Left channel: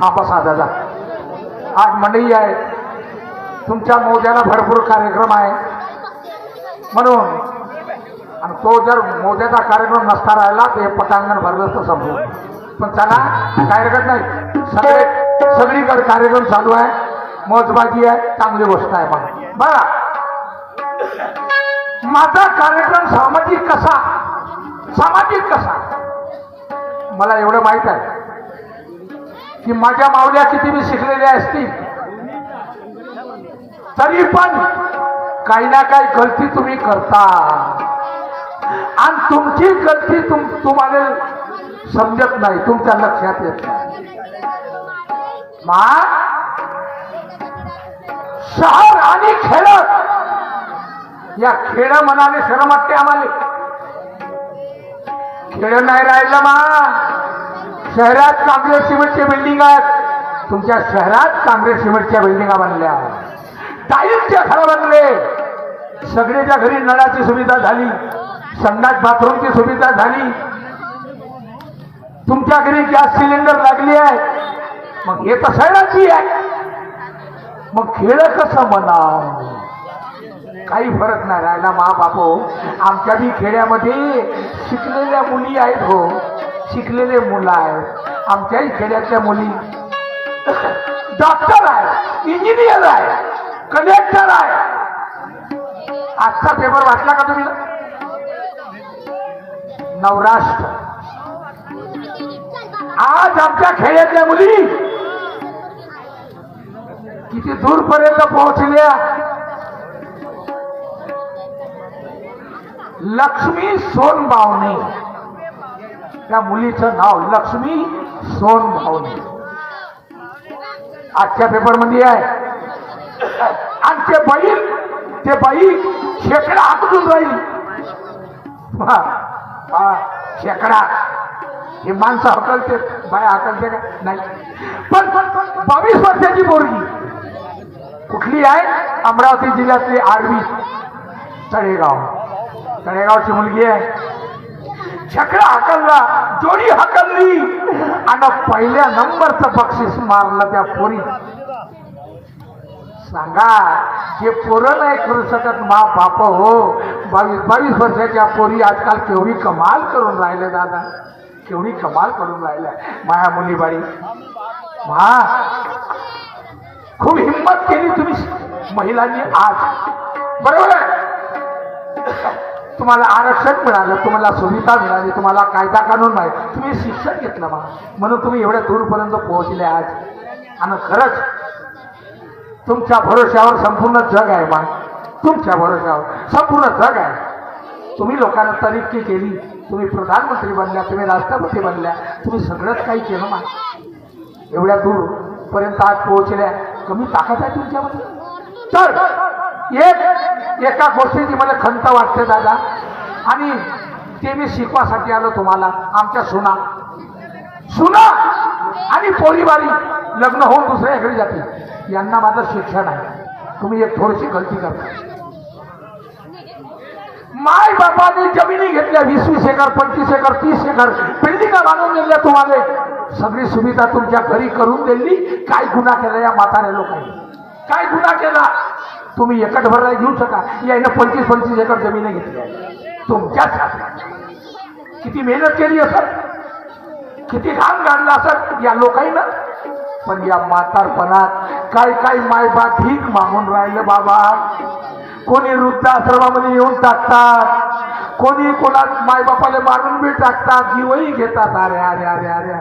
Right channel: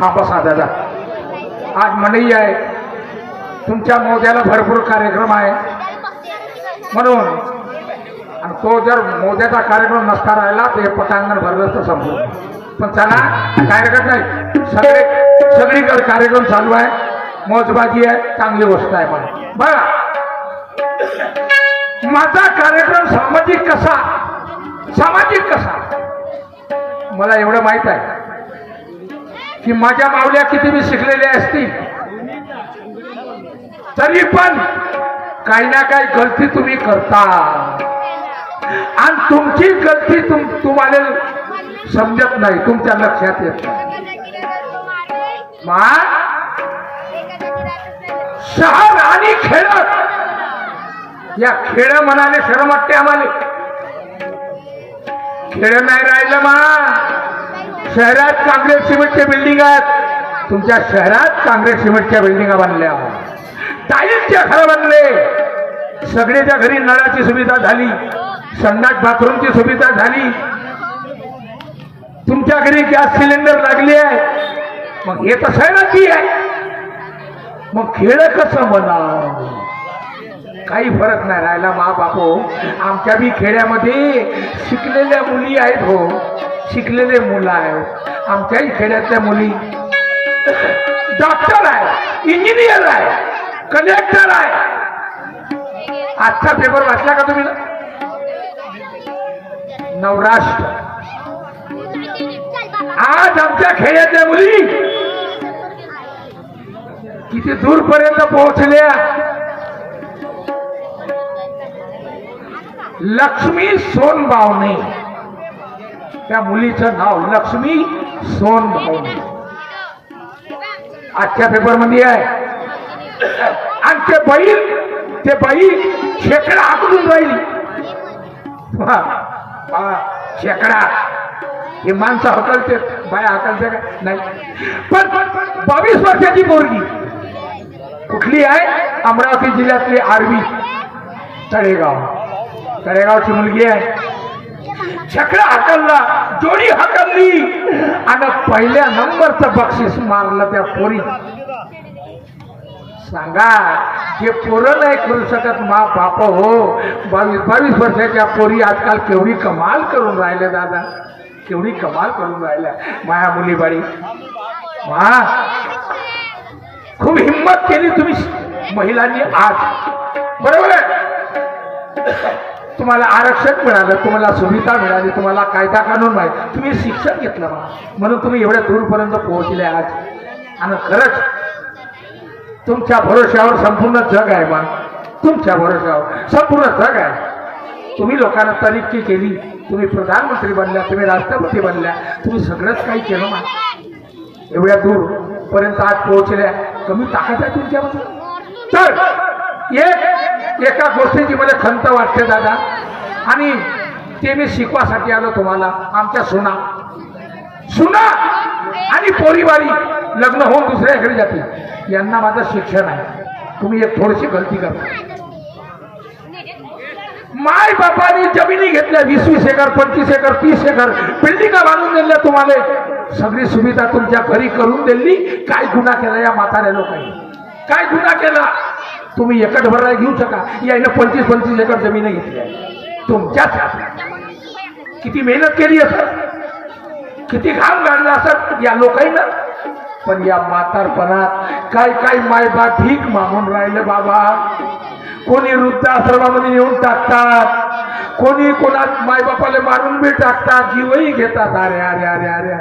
हा बसा दादा. आज मंडई आहे, तुमच्या मोद्याला भरपूर कार्यक्रम आहे म्हणून, आणि तो जर मोद्याचा कार्यक्रम नसता राहिला तर हे पटांगण भरलं तर समजून. पण चला काय हरकत नाही, सगळीकडे कार्यक्रम चालू आहे, मौजबाजी आहे, चांगली गोष्ट आहे. पण बघा माझा कार्यक्रम सामाजिक कसा मला एवढं माहित आहे की माझ्या माऊल्या किती मी शिकलेल्या असतील तरी पण काही ना काही गलती तुम्ही करता, आणि तुमची गलती तुम्हाला समजत नाही, तुमच्या लक्षात येत नाही. शहर आणि खेड, या खेड म्हणाले शरम वाटते आम्हाला. खेड नाही राहिलं शहरात काँग्रेस सिमेंटच्या बिल्डिंग आहेत, तुमच्या शहरात काँग्रेस सिमेंटच्या बिल्डिंगा बांधल्या, टाईलच्या घर बांधले, सगळ्याच्या घरी नळाची सुविधा झाली, संडास बाथरूमची सुविधा झाली, तुमच्या घरी गॅस सिलेंडर लागली आहे. मग हे तर शहराची आहे, मग खेळ कसं म्हणावं? काही फरक नाही राहिला बापो. आमच्या बी खेड्यामध्ये शिकलेल्या मुली आहेत, हो शिकलेले मुलं आहेत. आमच्याही खेड्यातल्या मुली डॉक्टर आहे, इंजिनियर आहे, कलेक्टर आहे. आजचा पेपर वाचला का तुम्ही? नवराष्ट्र. आज आमच्या खेड्यातल्या मुली किती दूरपर्यंत पोहोचल्या. लक्ष्मी सोनबावणे, त्या मुलीचं नाव लक्ष्मी सोनबावणे आजच्या पेपर मध्ये आहे. आणि ते बाई शेकडा आकडून राहील. शेकडा हे माणसं हकलते, बाया हकलते का? नाही. पण 22 वर्षाची पोरगी कुठली आहे? अमरावती जिल्ह्यातली आर्वी तळेगावची मुलगी आहे. छकडा हकलला, जोडी हकलली आणि पहिल्या नंबरचं बक्षीस मारलं त्या पोरी. सांगा, हे पोरं नाही करू शकत बाप हो. 22 वर्षाच्या पोरी आजकाल केवढी कमाल करून राहिल्या दादा, केवढी कमाल करून राहिल्या माया मुली बाई. खूप हिंमत केली तुम्ही महिलांनी आज, बरोबर आहे. तुम्हाला आरक्षण मिळालं, तुम्हाला सुविधा मिळाली, तुम्हाला कायदा कानून नाही, तुम्ही शिक्षण घेतलं म्हणून तुम्ही एवढ्या दूरपर्यंत पोहोचले आज. आणि खरंच तुमच्या भरोश्यावर संपूर्ण जग आहे तुमच्या भरोश्यावर संपूर्ण जग आहे. तुम्ही लोकांना तरक्की केली, तुम्ही प्रधानमंत्री बनल्या, तुम्ही राष्ट्रपती बनल्या, तुम्ही सगळंच काही केलं एवढ्या दूर पर्यंत आज पोहोचल्या. कमी ताकद आहे तुमच्यामध्ये. तर एका गोष्टीची मला खंत वाटते दादा, आणि ते मी शिकवासाठी आलो तुम्हाला. आमच्या सुना आणि पोरीवारी लग्न होऊन दुसऱ्या घरी जाते, यांना माझं शिक्षण आहे. तुम्ही एक थोडीशी गलती करता. माय बापाने जमिनी घेतल्या, 20-20 एकर, 25 एकर, 30 एकर बिल्डिंगा बांधून दिल्या. तुम्हाला सगळी सुविधा तुमच्या घरी करून दिली. काय गुन्हा केला या म्हाताऱ्या लोकांनी? काय गुन्हा केला? तुम्ही एकट भरायला घेऊ शका, याने 25-25 एकर जमीन घेतली आहे तुमच्याच. किती मेहनत केली असेल, किती घाम गाडला असेल या लोकांना. पण या म्हातारपणात काय मायबाप भीक मागून राहिले बाबा. कोणी वृद्धाश्रमामध्ये नेऊन टाकतात, कोणी कोणा मायबापाला मारून बी टाकतात, जीवही घेतात. अरे अरे अरे अरे,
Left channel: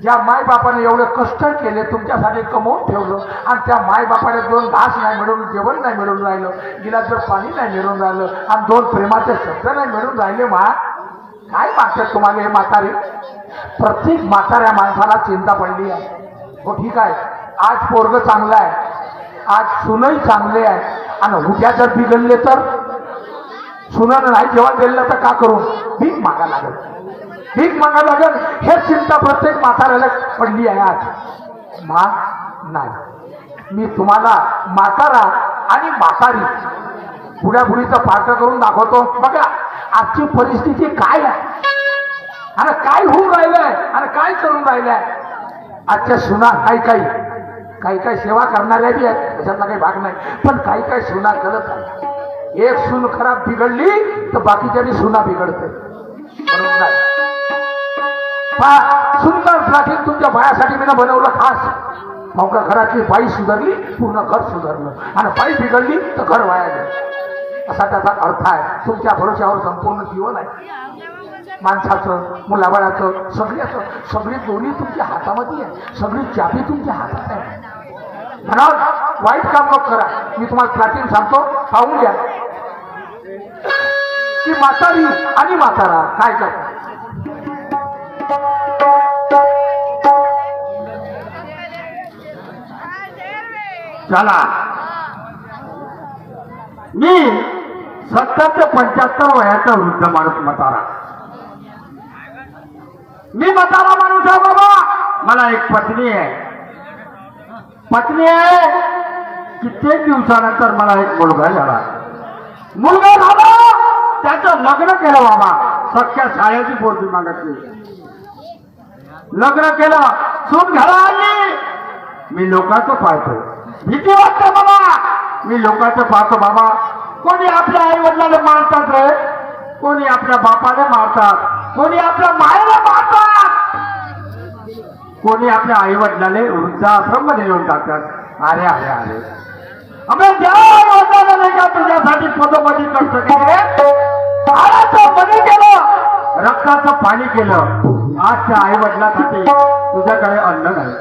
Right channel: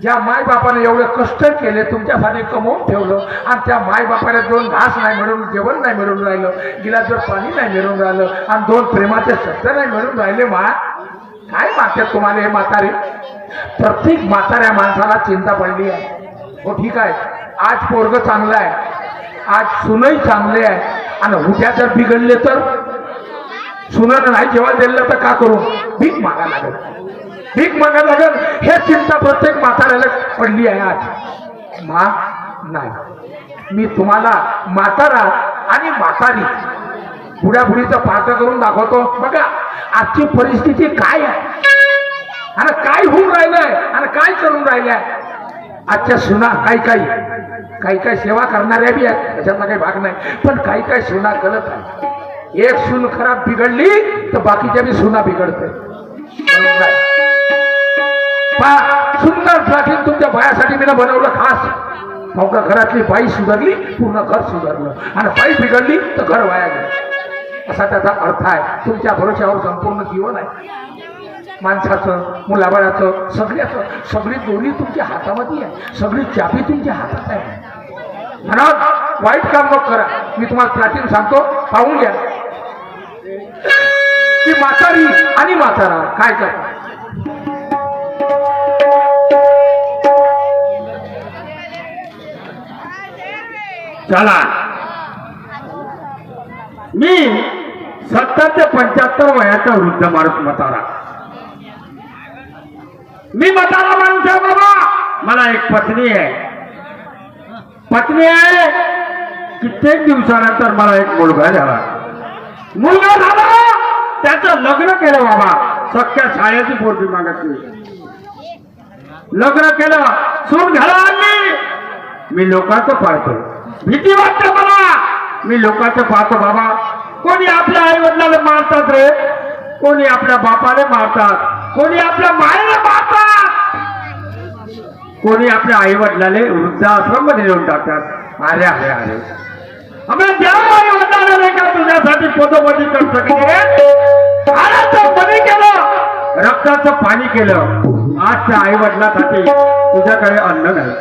ज्या मायबापाने एवढे कष्ट केले तुमच्यासाठी कमवून ठेवलं, आणि त्या मायबापाने 2 घास नाही मिळून, जेवण नाही मिळून राहिलं, गिलासभर पाणी नाही मिळून राहिलं, आणि 2 प्रेमाचे शब्द नाही मिळून राहिले. काय मागतात तुम्हाला हे म्हातारे? प्रत्येक म्हाताऱ्या माणसाला चिंता पडली आहे. हो ठीक आहे, आज पोरग चांगलं आहे, आज सुनही चांगले आहे, आणि उद्या जर बिघडले तर सुनर नाही जेवण दिलं तर का करू? भीक मागा लागेल, भीक मागा लागेल. हे चिंता प्रत्येक म्हाताऱ्याला पडली आहे आज. नाही, मी तुम्हाला म्हातारा आणि म्हातारी पुढ्यापुढीचं पात्र करून दाखवतो. बघा आजची परिस्थिती काय आहे, आणि काय होऊन राहिलंय, आणि काय करून राहिलंय. आजच्या सुना काही सेवा करणाऱ्या बी आहेत, त्याच्यातला काही भाग नाही, पण काही सुना करत आहे. एक सून खराब बिघडली तर बाकीच्या बी सुना बिघडते. म्हणून काय सुंदर प्राचीन तुमच्या बायासाठी मी बनवलं खास. मग घरातली बाई सुधारली पूर्ण घर सुधारलं, आणि बाई बिघडली तर घर वाया गेलं, असा त्याचा अर्थ आहे. तुमच्या भरोश्यावर संपूर्ण जीवन आहे. माणसाचं, मुलाबाळाचं, सगळी दोन्ही तुमच्या हातामध्ये आहे, सगळी चाबी तुमच्या हातात आहे. म्हणून वाईट काम नको करा. मी तुम्हाला प्राचीन सांगतो, पाहून घ्या की म्हातारी आणि म्हातारा काय करतात. चला, मी 70 ते 75 वयाचा वृद्ध माणूस म्हातारा. मी म्हातारा माणूस आहे बाबा. मला एक पत्नी आहे. कित्येक दिवसानंतर मला एक मुलगा झाला. त्याचं लग्न केलं बाबा. सख्या शाळेची पोरगी मागतली. लग्न केलं, सून घरा आणली. मी लोकांचं पाहतोय, भीती वाटते मला. मी लोकांचं पाहतो बाबा. कोणी आपल्या आई वडिलाला मारतात रे, कोणी आपल्या बापाला मारतात, कोणी आपल्या मायेला मारतात, कोणी आपल्या आई वडिलाला वृद्धाश्रम मध्ये नेऊन टाकतात. अरे अरे अरे, आम्ही ज्या आई वडिलाला नाही का तुझ्यासाठी पदोपदी खर्च केले, बली केलं, रक्ताचं पाणी केलं. आजच्या आई वडिलांसाठी तुझ्याकडे अन्न नाही.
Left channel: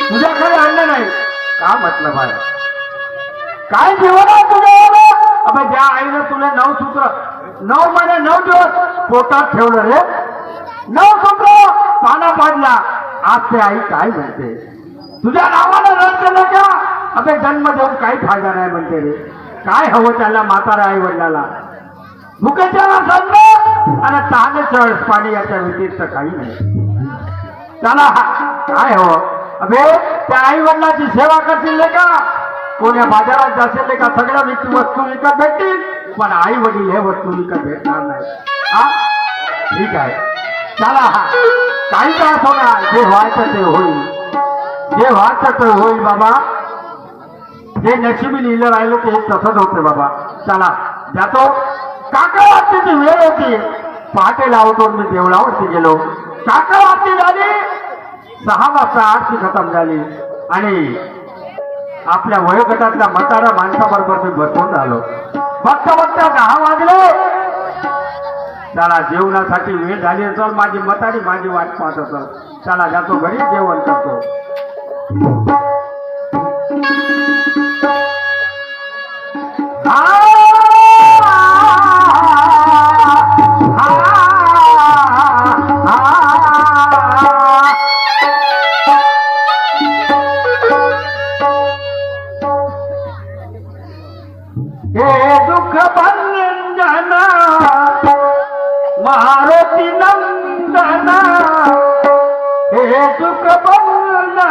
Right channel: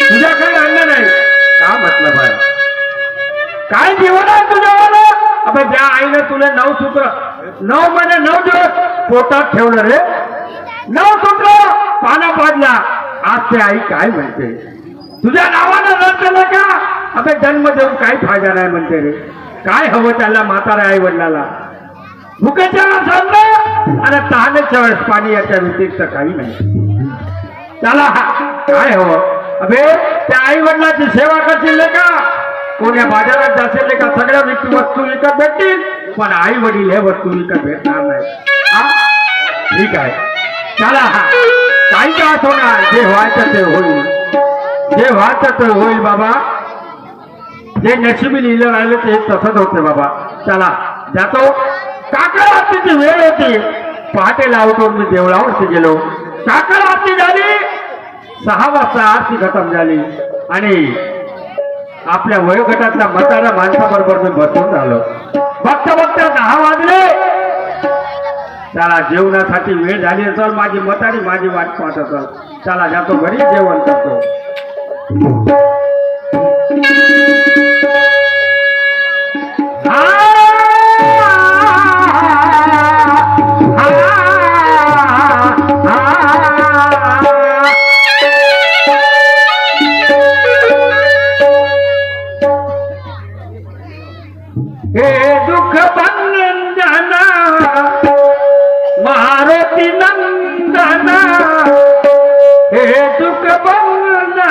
तुझ्याकडे अन्न नाही का मतलब आहे? काय जीवन आहे तुझ्यावर? आता ज्या आईने तुला 9 सूत्र 9 महिने 9 दिवस पोटात ठेवलं रे, 9 सूत्र पानं पाडला. आज ते आई काय म्हणते? तुझ्या नावानं रड केलं का? आता जन्म देऊन काही फायदा नाही म्हणते रे. काय हवं त्याला म्हाताऱ्या आई वडिलाला? भुकेच्या वेळेस आणि तहानेच्या वेळेस पाणी, याच्या व्यतिरिक्त काही नाही. त्याला काय हवं? अबे त्या आई वडिलाची सेवा करतील का? कोण्या बाजारात जाशील का? सगळ्या वस्तू विकत भेटतील, पण आई वडील हे वस्तू विकत भेटणार नाही. ठीक आहे, चला, काही का होणार, जे व्हायचं ते होईल, जे व्हायचं ते होईल बाबा. जे नशिबी लिहिलं राहिलं ते तसंच होते बाबा. चला जातो. काकड आरतीची वेळ होती. पहाटे लावतो मी देवळावरती गेलो. काकड आरती झाली. 6 वाजता आरती खतम झाली आणि आपल्या वयोगटातल्या म्हाताऱ्या माणसाबरोबर मी बसून झालो. बघता 10 वाजले. चला, जेवणासाठी वेळ झाली असेल. माझी म्हातारी माझी वाट पाहत असेल. चला जातो घरी, जेवण करतो. हे दुःख भंजना मारुती नंदना, हे दुःख भंजना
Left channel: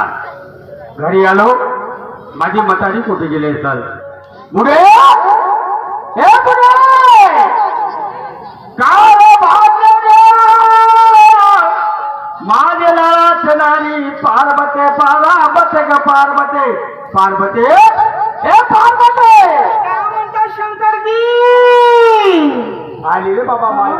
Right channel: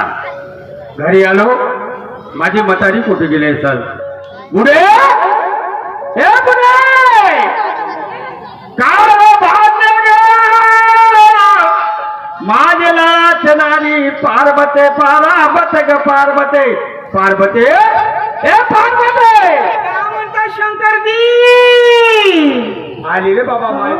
आला. घरी आलो, माझी म्हातारी कुठे गेले सर? पुढे हे पुढे माझला चनारी पार्वते पारावते ग पार्वते पार्वते हे पार्वते काय म्हणता शंकरजी? आली रे बाबा मला